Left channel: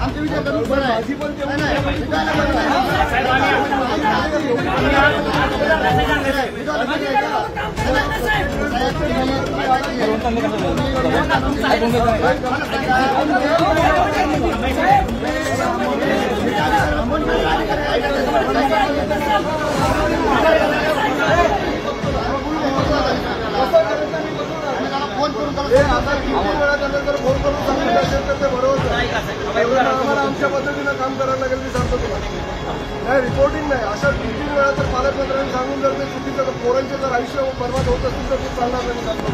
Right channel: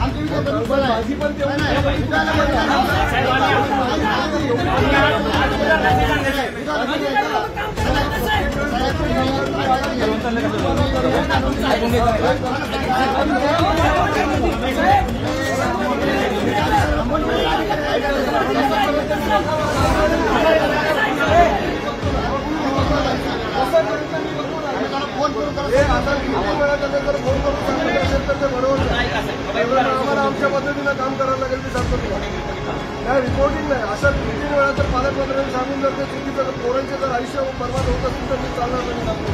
आमच्या विचार माझी पण फोन करून आता किती वेळा त्यानंतर फोन करून सांगितलं असेल तर ते बरोबर आहे. आम्हाला आमच्या पद्धतीनं काम करायला लागेल मी सांगतो तुम्हाला. नाही रिपोर्टिंग नाही. अशा 3-3 वेळा जर पालकमंत्र्यांनी सांगून जर ते चुकीचं पोरांचे जर आयुष्य बर्बाद होत असतील तर मी चालणार नाही सांगतो.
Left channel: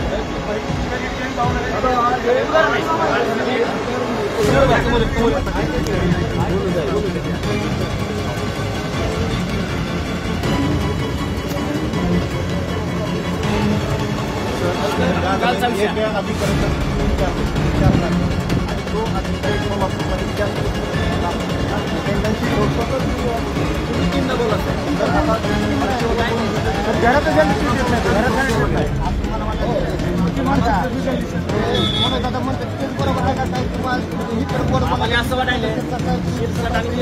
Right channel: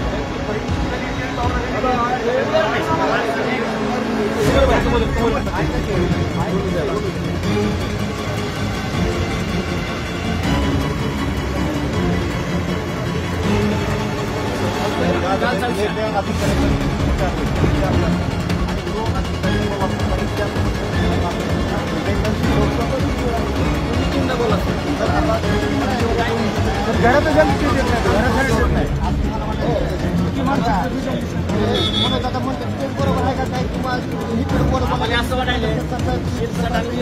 असं वाटायला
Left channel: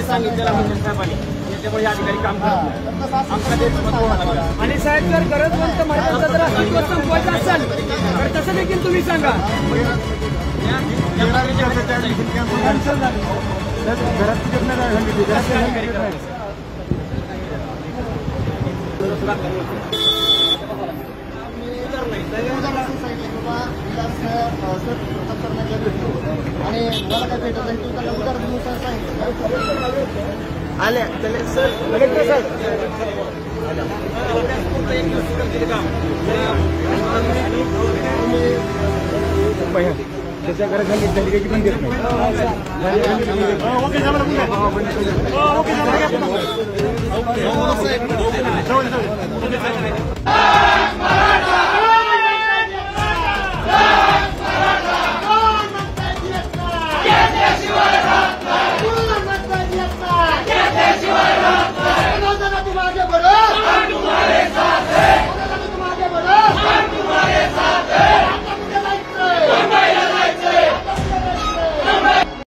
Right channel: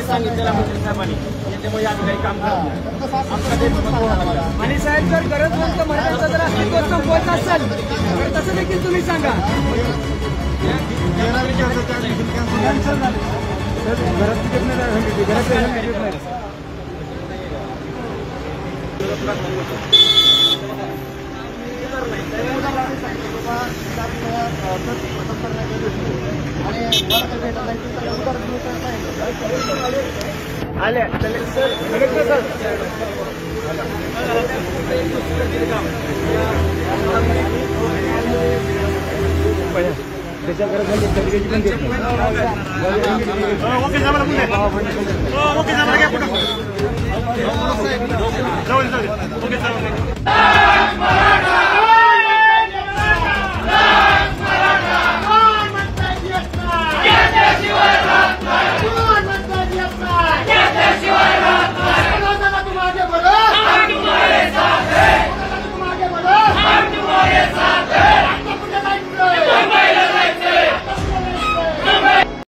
सांगितलेलं मंत्री साहेबांनी त्याच्यामुळे अधिकारी काम करत नाही. आमचा देश आणि साहेब जर गरज असाल तसं देखील तुम्ही सांगा. आले कलेक्टर सर त्याच्या गरज झाली त्याची पण देत नाही. ओके जा मला पुढे ओके जा मला काय पुढे